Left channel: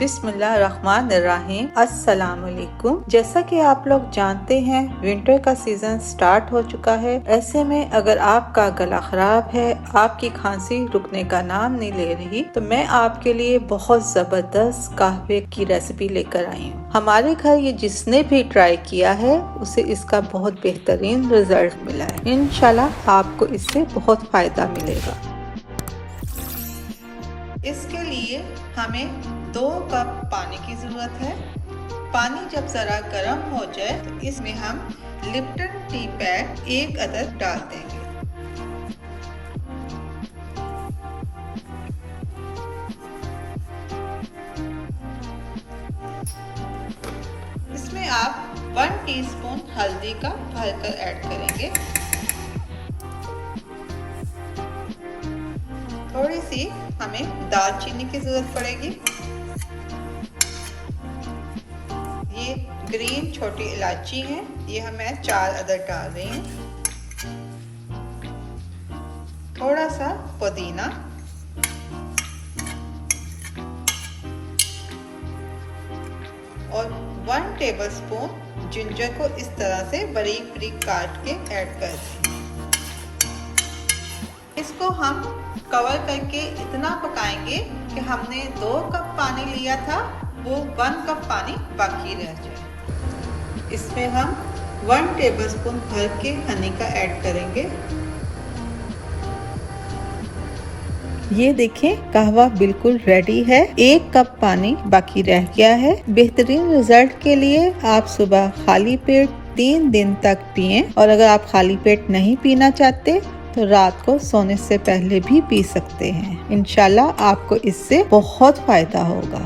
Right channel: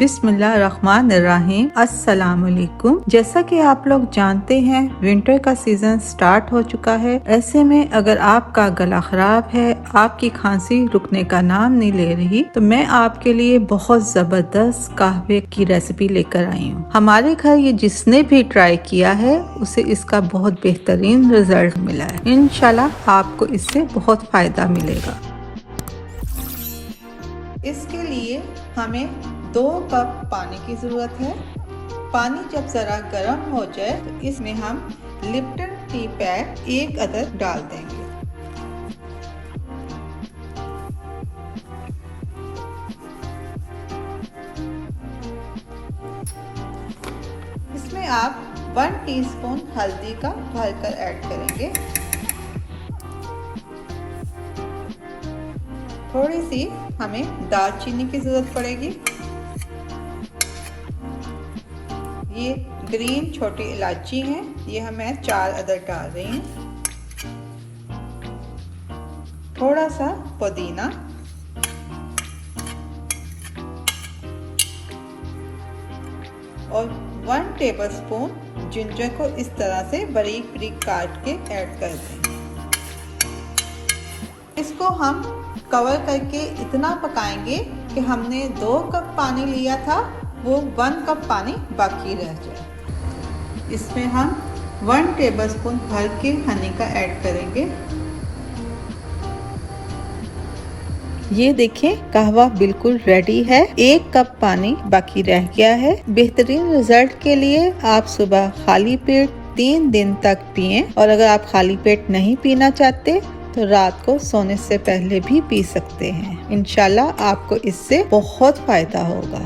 बिस्मिल्लाहिर्रहमानिर्रहीम। अस्सलाम वालेकुम। जैसा कि आप लोग जानते हैं विंटर का सीजन स्टार्ट हो चुका है। ऐसे में अगर आपका गला खराब है, आपकी खांसी रुकने का नाम नहीं ले रही, तो मैं आपके लिए बहुत जबरदस्त कहवे की रेसिपी लेकर आई हूँ। हमारे घर ये जिसने भी ट्राई किया है उसे इसका बहुत बेहतरीन रिजल्ट मिला है। इंशाल्लाह आपको इससे बहुत फायदा मिलेगा। इसके लिए हमें 2 कप पानी की ज़रूरत है। पानी जब ज़रा गर्म हो जाए तो इसमें हम लिप्टन टी पैक 1 अदद डाल देंगे। इसमें आप 1 टीस्पून हल्दी का भरकर ऐड करेंगे। थोड़ी सी हमें दालचीनी की जरूरत पड़ेगी। ये ग्रीन छोटी इलायची है, ये मैं 4 अदद डाल रही हूँ। थोड़ा सा पुदीना और 1 टेबलस्पून जिंजर को इस तरह से बारीक बारीक काट के ऐड कर दें। इसको हम कवर करके इतना पकाएंगे कि हमने 2 कप पानी लिया था वो 1 कप पानी बाकी रह जाए। इसमें हम 1 टेबलस्पून भर के हनी का ऐड करेंगे। ये देखें कहवा बिल्कुल रेडी है। 1 कप पानी बाकी रह गया है। बेहतरीन रिजल्ट के लिए आप सुबह खाली पेट 3 दिन तक पिएं और अगर आप खाली पेट नहीं पीना चाहते तो रात को सोने से पहले भी पी सकते हैं। इंशाल्लाह आपको इससे बहुत फायदा होगा।